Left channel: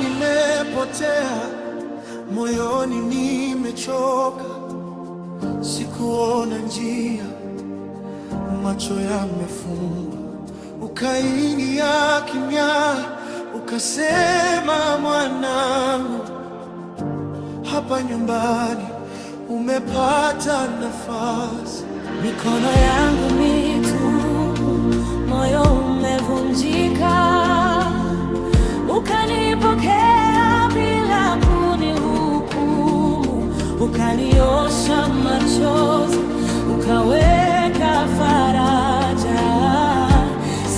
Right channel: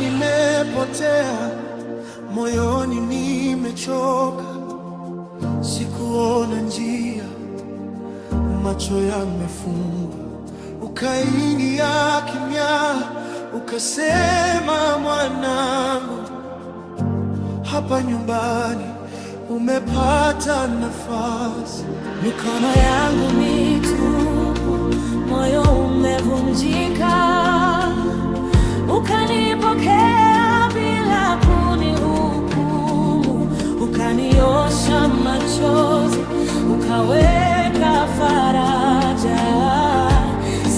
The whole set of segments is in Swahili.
nimepotea, moyoni nimechoka, sikuona njia, macho yamefungwa. Ukaingia kimya, ukasema, mwanangu, hapa nyumbani umepata nafasi. Mikono yangu mitupu, moyo umevunjika, ukanipokea bila kunihukumu, ukaniosha machozi, ukaweka faraja.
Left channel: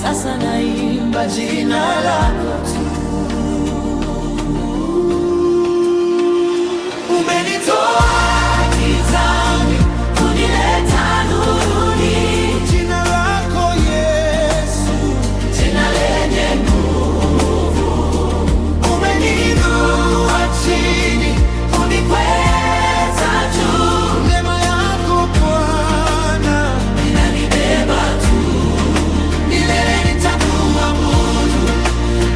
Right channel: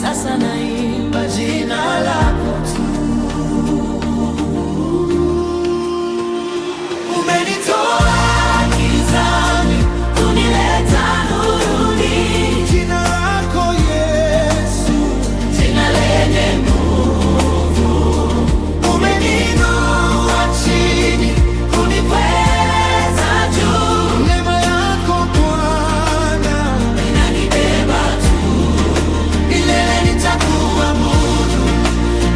Sasa naimba jina lako tu. Umenitoa gizani kunileta nuruni, jina lako Yesu, jina lenye nguvu. Umeniinua chini kunikweza juu, neema yako Bwana inanibeba tu. Milele nitakuabudu,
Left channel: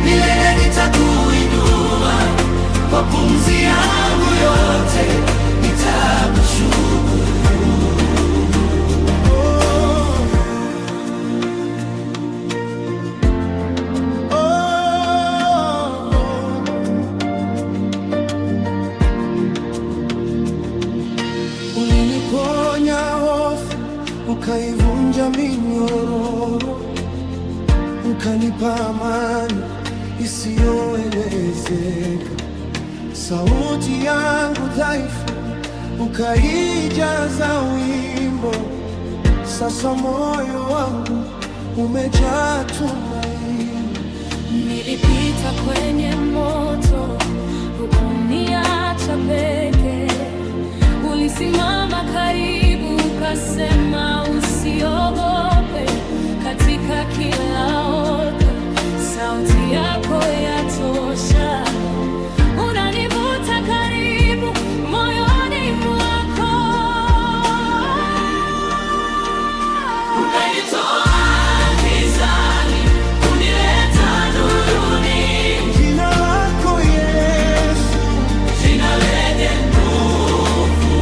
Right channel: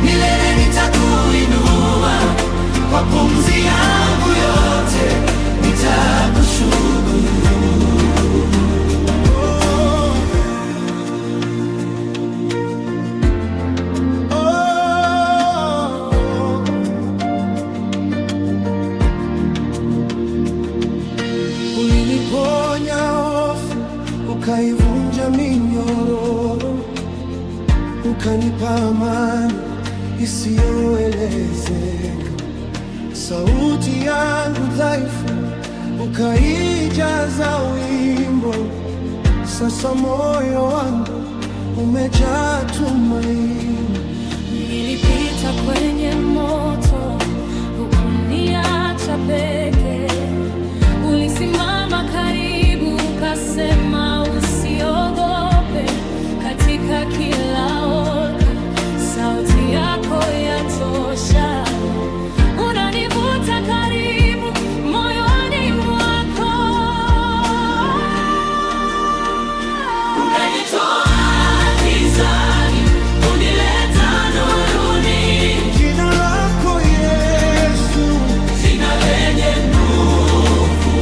milele nitakuinua, kwa pumzi yangu yote nitakushukuru. Oh, oh. Uliniponya hofu, ukaivunja minyororo, ukanipa amani isiyoelezeka. Sauti yangu dhaifu ukaijaza wimbo. Sasa moyo wangu umejaa tumaini. Nilipita kwenye moto, hukuniacha peke. Ulisimama karibu, ukasema usiogope. Katika kila oka, sauti yako yatosha. Unanivuta karibu moyoni mwako. Umenitoa gizani kunileta nuruni, jina lako Yesu, jina lenye nguvu.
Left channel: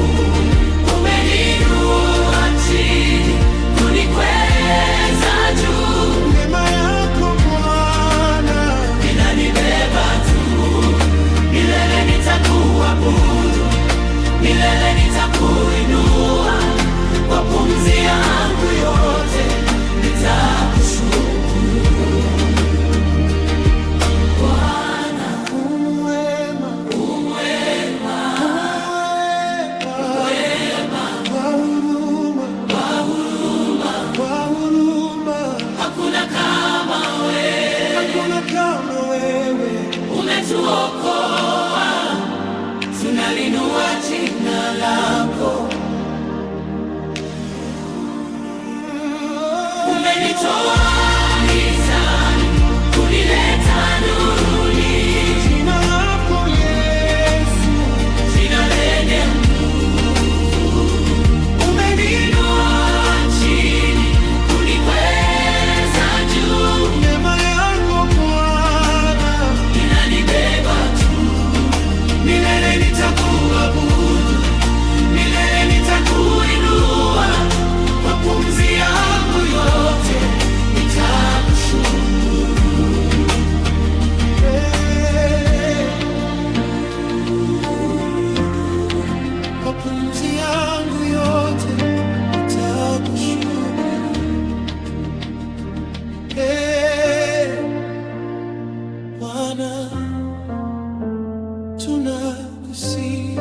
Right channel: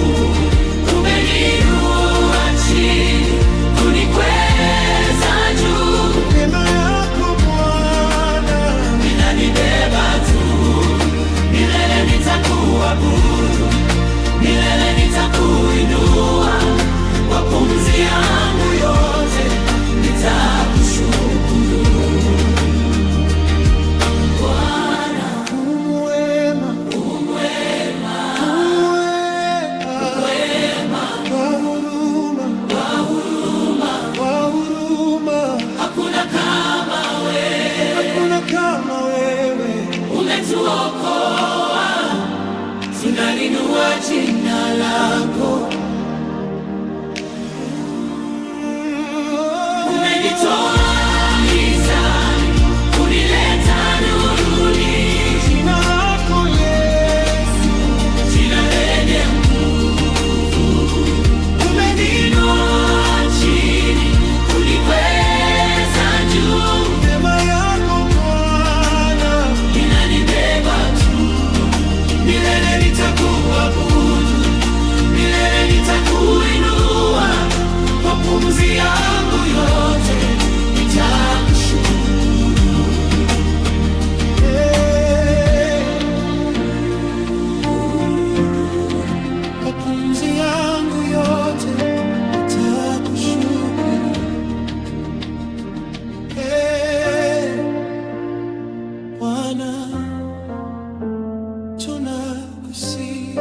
Umeniinua chini kunikweza juu, neema yako Bwana inanibeba tu. Milele nitakuabudu, milele nitakuinua, kwa pumzi yangu yote nitakushukuru. Bwana umwema, umwema, umwema, kwa huruma, kwa huruma, kwa huruma. Hakuna kama wewe, hakuna kama wewe. Umetuokoa, tunalinua jina lako. Umenitoa gizani kunileta nuruni, jina lako Yesu, jina lenye nguvu. Umeniinua chini kunikweza juu, neema yako Bwana inanibeba tu. Milele nitakuabudu, milele nitakuinua, kwa pumzi yangu yote nitakushukuru. Hey, kwa pumzi yangu yote nitakushukuru. Hey, Bwana tunakusifu.